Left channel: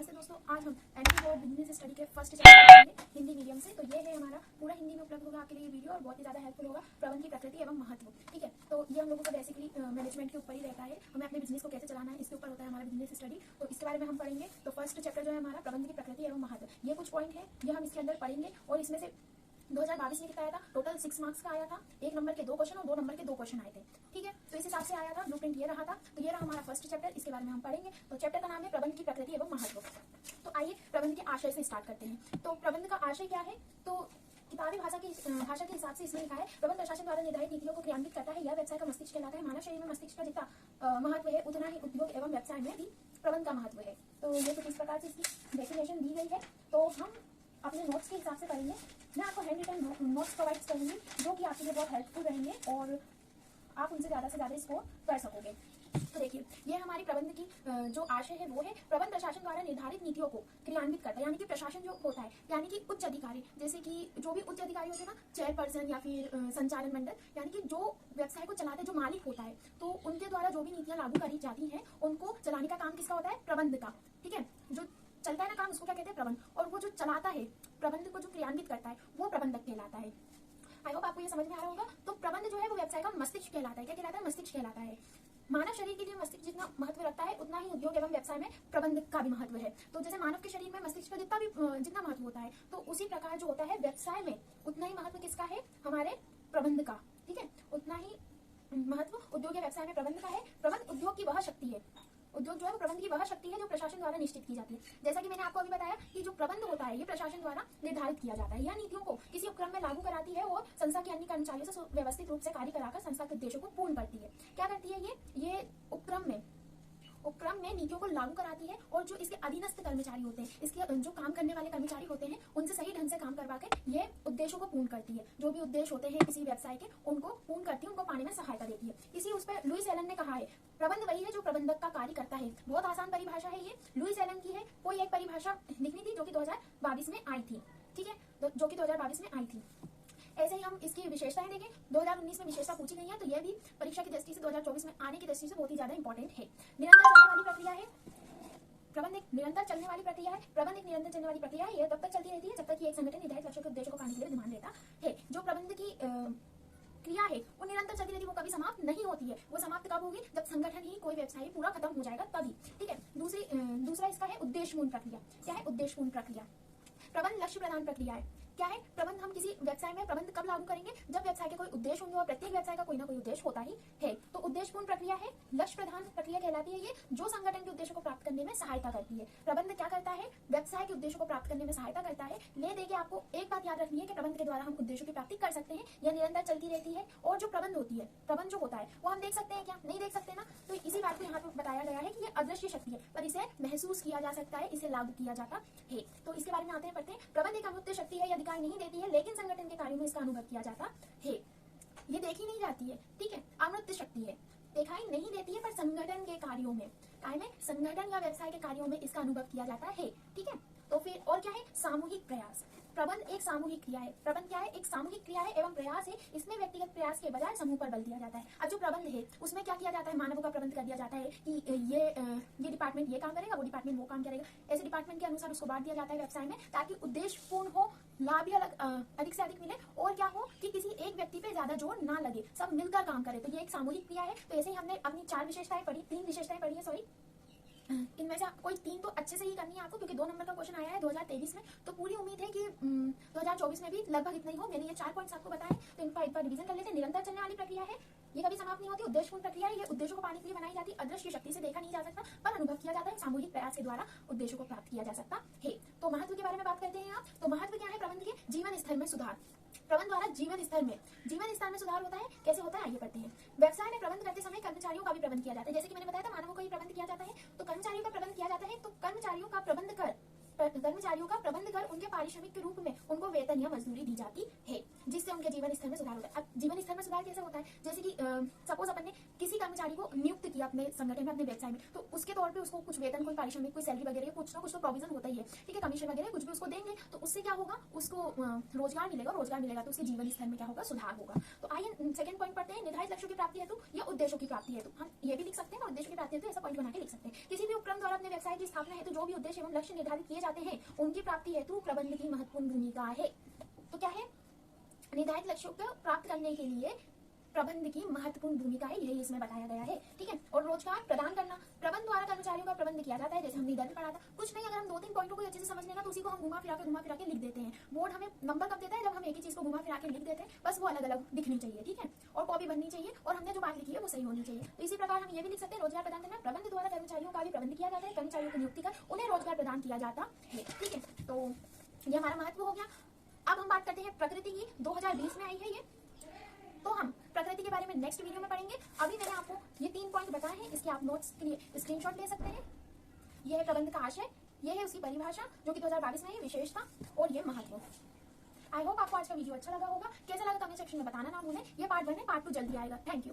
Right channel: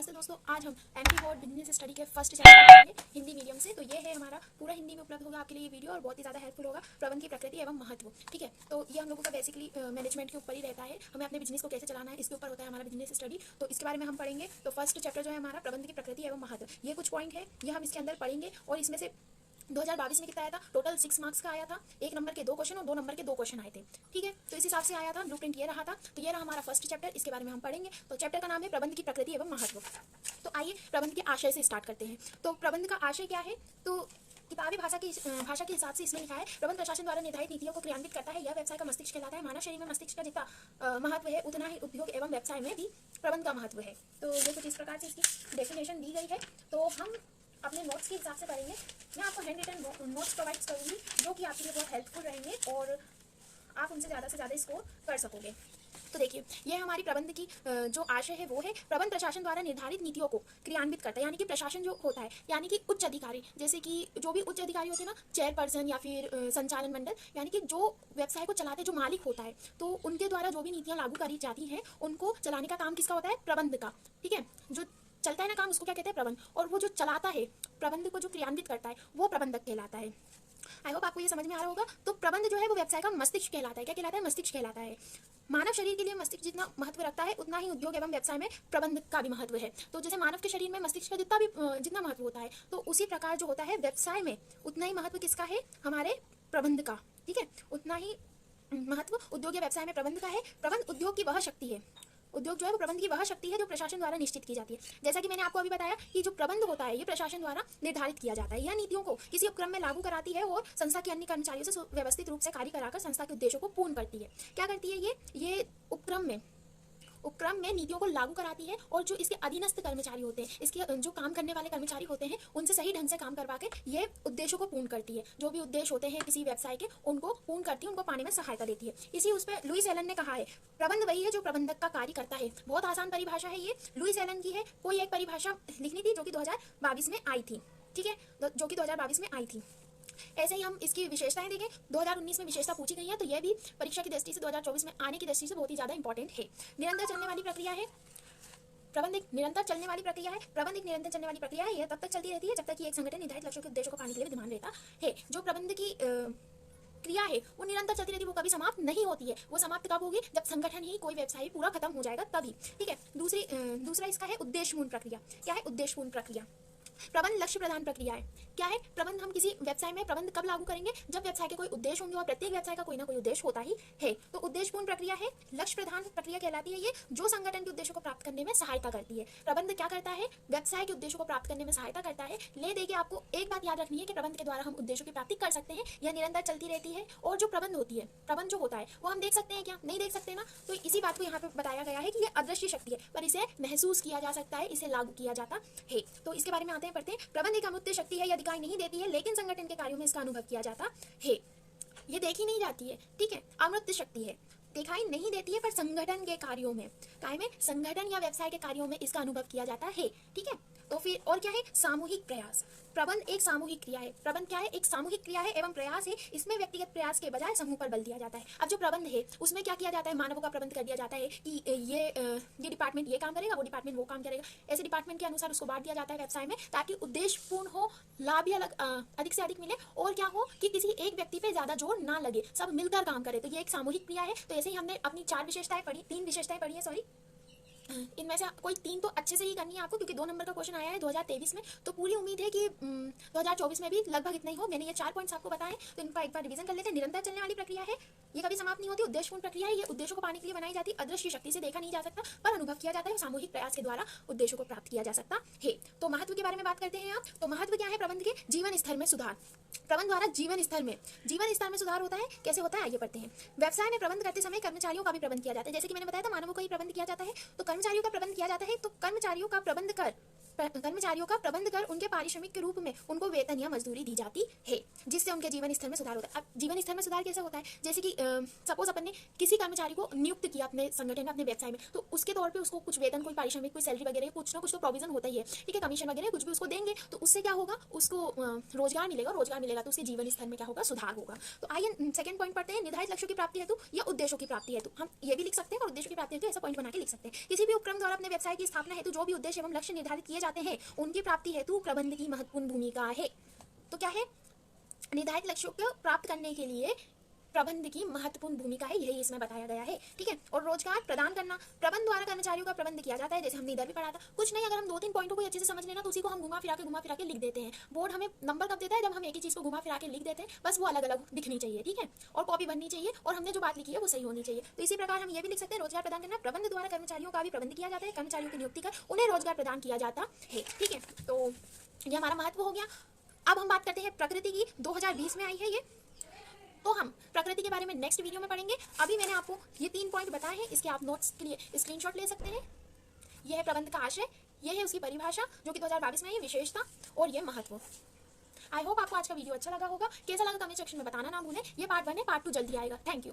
नमस्ते दोस्तों, आज हम एमपी बोर्ड बिजनेस स्टडी के फर्स्ट चैप्टर पढ़ेंगे हिंदी मीडियम से। तो ये है हमारा पूरा हिंदी में उपलब्ध होगा आपके लिए वीडियो और बहुत ही ज़्यादा हेल्पफुल होगा। प्रबंध की प्रकृति एवं महत्व, ठीक है। तो ये हम लोगों का बेसिकली मैनेजमेंट के ऊपर ही रहता है, हमें अपने बिजनेस को कैसे चलाना है इसके ऊपर होता है हमारा बिजनेस स्टडी। तो इसके बारे में हम पढ़ेंगे। तो फर्स्ट चैप्टर जो है हमारा प्रबंध की प्रकृति एवं महत्व, ये कुछ पॉइंट है ये हम इसके अंदर पढ़ेंगे। और इसमें से 2022 में कितना आया था, टोटल 6 मार्क्स का आया था। 1 नंबर के 2 क्वेश्चन और 2 नंबर के 2 क्वेश्चन आए थे, ठीक है। तो इस हिसाब से आया था, ब्लूप्रिंट ये रहा था। तो ये रहा हमारा फर्स्ट चैप्टर, इसके बारे में हम पढ़ेंगे। तो चैप्टर का नाम है प्रबंध की प्रकृति एवं महत्व। तो आइए प्रबंध के आशय से स्टार्ट करते हैं। तो प्रबंध का आशय क्या है, तो किताबी भाषा के हिसाब से इसमें लिखा है, प्रबंध प्रशासन द्वारा निर्धारित नीतियों को क्रियान्वित करता है। यह व्यवसाय का मस्तिष्क कहलाता है। मानव शरीर में मस्तिष्क का जितना महत्व है उतना ही उद्योग एवं व्यवसाय में भी प्रबंध का महत्व है। तो ये कुछ इस प्रकार से इसकी डेफिनेशन दी गई है। तो हम अपने नोट्स के हिसाब से पढ़ेंगे। मैं आपको हैंड रिटन नोट्स प्रोवाइड करूँगी जो कि आपके लिए बहुत हेल्पफुल रहेंगे और आप उनसे ज़्यादा से ज़्यादा स्कोर कर सकोगे। तो देखिए, ये हमारी प्रबंध की जो आशय है वो है, प्रबंध प्रशासन द्वारा निर्धारित नीतियों को क्रियान्वित करता है। यानी कि प्रशासन जो होता है, यानी कि उच्च अधिकारी, जैसे कि जो भी उच्च अधिकारी होते हैं ना, चेयरपर्सन या फिर संचालन मंडल, यानी कि जो व्यवसाय को चलाते जो मालिक होता है, तो उनके द्वारा जो भी नीतियाँ लागू करी जाती हैं उनको चलाने का काम किसका होता है, प्रबंध का, ठीक है। जो चलता है ना काम, उसको क्या कहते हैं, प्रबंध। और वो जो चलाता है, प्रबंध को जो क्रियान्वित करता है, वो प्रबंधक कहलाता है। आई होप आपको ये समझ में आ रहा होगा। तो प्रबंध जो है वो व्यवसाय का मस्तिष्क कहलाता है। क्या कहलाता है, मस्तिष्क कहलाता है। मानव शरीर के लिए मस्तिष्क जितना महत्व रखता है उतना ही उद्योग एवं व्यवसाय में प्रबंध का भी महत्व है। तो जैसे मानव के शरीर में मस्तिष्क का जितना महत्व होता है, तो उसी प्रकार जो होता है व्यवसाय में उतना ही महत्व किसका है, हमारे प्रबंध का, ठीक है। उतना ही महत्व उद्योग या व्यवसाय में प्रबंध का है। प्रबंध उद्योग की वह शक्ति है, उद्योग जो है वो प्रबंध की वह शक्ति है जो प्रशासन द्वारा निश्चित की जाती है। जैसा कि मैंने आपको अभी बताया कि जो प्रबंध होता है ये प्रशासन द्वारा निर्धारित किया जाता है। यह नीतियों को किसी उपक्रम में लागू कराती है और संस्था के अन्य कर्मचारियों से व्यवस्थित रूप से कार्य कराकर संस्था के उद्देश्यों को पूर्ण करती है। क्या करती है ये उपक्रम में नीतियों को लागू कराती है और जो इसके अधीनस्थ कर्मचारी होते हैं, इसके जो काम करने वाले कर्मचारी होते हैं, उनसे सही ढंग से काम करवा के ये उद्देश्यों को पूर्ण करती है। जो भी उद्देश्य होते हैं किसी व्यवसाय के, उनको पूर्ण करती है, उनको पाने में सहायता देती है। इसी उस पर लुईस एलन ने कहा है, प्रबंध वही है जो प्रबंधक का कार्य करता है। बहुत आसान परिभाषा है ये, लुईस एलन की है। कोई एक परिभाषा लिखनी थी जो कि 2022 में आई थी, ठीक है, जो कि 2022 में आई थी। ऐसे ही हम इसकी विशेषताएं देखें। 2019 में विशेषता पूछी गई है, तो ये भी परीक्षा की दृष्टि से 2024 में आने की दृष्टि से बहुत ही ज्यादा इंपॉर्टेंट है। निरंतर चलने वाली प्रक्रिया है प्रबंध, एक निरंतर चलने वाली प्रक्रिया है। प्रबंध एक निरंतर चलने वाली प्रक्रिया है। यह तब तक चलती रहती है जब तक कि एक संगठन निर्धारित लक्ष्यों के उद्देश्यों को पाने के लिए विद्यमान रहता है। जो प्रबंध की क्रिया है वो निरंतर चलती रहती है, वो कभी समाप्त नहीं होती है। वो समाप्त कब होगी, जब संगठन ही कोई व्यवसाय पूरा खत्म हो जाएगा तभी, ठीक है। दूसरा इसका है उद्देश्यपूर्ण प्रक्रिया। क्या है उद्देश्यपूर्ण प्रक्रिया, प्रबंध लक्ष्य प्रधान प्रक्रिया है। क्या है, प्रबंध हम किसी व्यवसाय में प्रबंध कब लागू करेंगे, जब व्यवसाय के कोई उद्देश्य होंगे और प्रत्येक व्यवसाय का कोई ना कोई उद्देश्य होता ही है। तो उद्देश्यपूर्ण प्रक्रिया है, लक्ष्य प्रधान प्रक्रिया कहलाती है ये, जो संगठन के उद्देश्यों को प्राप्त करने में सहायता करती है। प्रबंध क्या करता है, व्यवसाय के उद्देश्यों को प्राप्त करने में सहायता करता है। ले देखिए, आपको एक बात याद रखनी है कि प्रबंध के द्वारा हम उद्देश्यों की प्राप्ति कर सकते हैं, यह निरंतर चलती रहती है। और जो प्रबंध होती है, प्रबंध जो होता है वो हम देख सकते हैं क्या, नहीं देख सकते ना। तो इसी बात को यहाँ पे बताया गया है कि ये अदृश्य शक्ति है, पर इसे महसूस किया जा सकता है, इसे लागू किया जाता है। तो इसके बारे में आते हैं, पढ़ते हैं। प्रबंध एक अमूर्त शक्ति है, यह दिखाई नहीं देती है, लेकिन संगठन के कार्यों में इसका अनुभव किया जाता है। ये देखी नहीं जाती है, ठीक है, अमूर्त शक्ति है, दिखाई नहीं देती है, पर संगठन के कार्यों में, संगठन या व्यवसाय के कार्यों में इसका अनुभव किया जाता है, ठीक है। तो फिर और क्या है, सामूहिक प्रयास। प्रबंध एक सामूहिक क्रिया है। प्रबंध क्या है, एक सामूहिक क्रिया है एवं प्रयास है। इसमें व्यक्तिगत प्रयास के बजाय समूह पर बल दिया जाता है। अब जो प्रबंध है उसमें क्या किया जाता है, मानवों का प्रबंध कर दिया जाता है कि ये डिपार्टमेंट ये काम करेगा, वो डिपार्टमेंट वो काम करेगा। ऐसे डिपार्टमेंट के अनुसार उसको बांट दिया जाता है व्यवसाय में, ताकि उद्देश्य पूर्ण हो, लाभ या अधिक से अधिक मिले, और क्या हो कि किसी एक व्यक्ति पे ज्यादा जोर ना लगे, सब मिलकर काम करे। तो ये एक सामूहिक क्रिया है। तो ऐसे ही हमने अपनी 4 विशेषताएं पढ़ी, 3 विशेषताएं पढ़ी है, सॉरी। इनमें से कोई 3 तो अच्छे से ही करनी है आपको, क्योंकि 2 नंबर का क्वेश्चन आया है 2023 में। तो पूरी उम्मीद है कि 2024 में भी लगभग इतना ही हो। मैंने ये 4 पॉइंट्स आपको बताए, तो इनका एक बार रिवीजन कर लेते हैं। निरंतर चलने वाली प्रक्रिया है, ये कभी समाप्त नहीं होती। उद्देश्यपूर्ण प्रक्रिया है, ये उद्देश्यों को पाने के लिए बनाई जाती है। अदृश्य शक्ति से देखा नहीं जा सकता, पर अनुभव किया जाता है। सामूहिक प्रयास के द्वारा उद्देश्यों को प्राप्त किया जा सकता है। तो महत्व के बारे में बात करते हैं आप। तो महत्व क्या है, प्रबंध के जीवन स्तर में सुधार। प्रबंध द्वारा जीवन स्तर में सुधार होता है। कैसे होता है, आइए पढ़ते हैं। व्यवसाय में प्रबंध करते समय कर्मचारियों का भी प्रबंध किया जाता है। जैसे कि मैंने बताया था, मानवों का ही प्रबंध किया जाता है, तो कर्मचारियों का प्रबंध किया जाता है। तो कर्मचारियों का प्रबंध कर कर्मचारियों का प्रबंध कर उनके पारिश्रमिक के रूप में उनको वेतन या मजदूरी दी जाती है, जिससे उनके जीवन स्तर में सुधार होता है। अब जीवन स्तर में सुधार कैसे होता है? जैसे कि सपोज अपन ने किसी कर्मचारी को नियुक्त किया अपने संगठन में, अपने व्यवसाय में, तो उसके तौर पे उसको कुछ वेतन, कोई पारिश्रमिक, कोई सैलरी वगैरह, कुछ ना कुछ तो प्रोविजन होता ही है, ठीक है, कमीशन वगैरह कुछ भी उसको देंगे, तो उससे क्या होगा, उसको रोजगार मिलेगा तो उसके जीवन स्तर में क्या होगा, सुधार होगा। तो आइए सेकंड पॉइंट पढ़ते हैं, निर्धारित लक्ष्यों की प्राप्ति हेतु या उद्देश्यों की प्राप्ति हेतु। हम ये भी लिख सकते हैं और उद्देश्यों की प्राप्ति हेतु ऐसा पॉइंट बना के लिख सकते हैं। किसी भी उपक्रम द्वारा अपने व्यवसाय की स्थापना हेतु जो भी उद्देश्य एवं लक्ष्य निर्धारित किए जाते हैं, उनकी प्राप्ति हेतु प्रबंध की महत्वपूर्ण भूमिका है। तो क्या है, निर्धारित लक्ष्यों को प्राप्त करने के लिए प्रबंध की महत्वपूर्ण भूमिका है, यही इसमें बताया गया है, ठीक है। और रोजगार प्रदान करना, प्रबंध द्वारा कर्मचारियों का प्रबंध किया जाता है, जैसे हमने इधर भी पढ़ा था। कुछ नहीं, अगर हम 2-3 पॉइंटों को अच्छे से समझ लेना तो उसी को हम घुमा फिरा के लिख देते हैं। बोर्ड हमें नंबर कब देता है, जब हम एक ही चीज को घुमा फिरा के लिख देते हैं, बस वो अलग अलग दिखनी चाहिए, ठीक है, और कॉपी बननी चाहिए, और हमने जो बात लिखी है वो सही होनी चाहिए। तो इसी प्रकार हम ये भी लिख सकते हैं, रोजगार प्रदान करना, प्रबंध द्वारा कर्मचारियों का भी प्रबंध किया जाता है, कर्मचारियों की नियुक्ति कर उन्हें रोजगार प्रदान किया जाता है, ठीक है। तो ये हमारा महत्व हो गया। अब हम बात करते हैं प्रकृति की, 2020 में आई है ये, तो हम प्रकृति के बारे में नेक्स्ट वीडियो में पढ़ेंगे। अभी मैंने आपको ये 3 पॉइंट बताए हैं, इसके आप नोट्स के लिए स्क्रीनशॉट ले सकते हैं। यह है प्रबंध का आशय, यह है उसकी परिभाषा जो कि 2022 में है, विशेषता और ये महत्व। आई होप आपको आज का वीडियो अच्छा लगा होगा। कैसा लगा कमेंट सेक्शन में बताना ना भूलें। ये पार्ट 1 है, पार्ट 2 जल्दी आएगा। Thank you.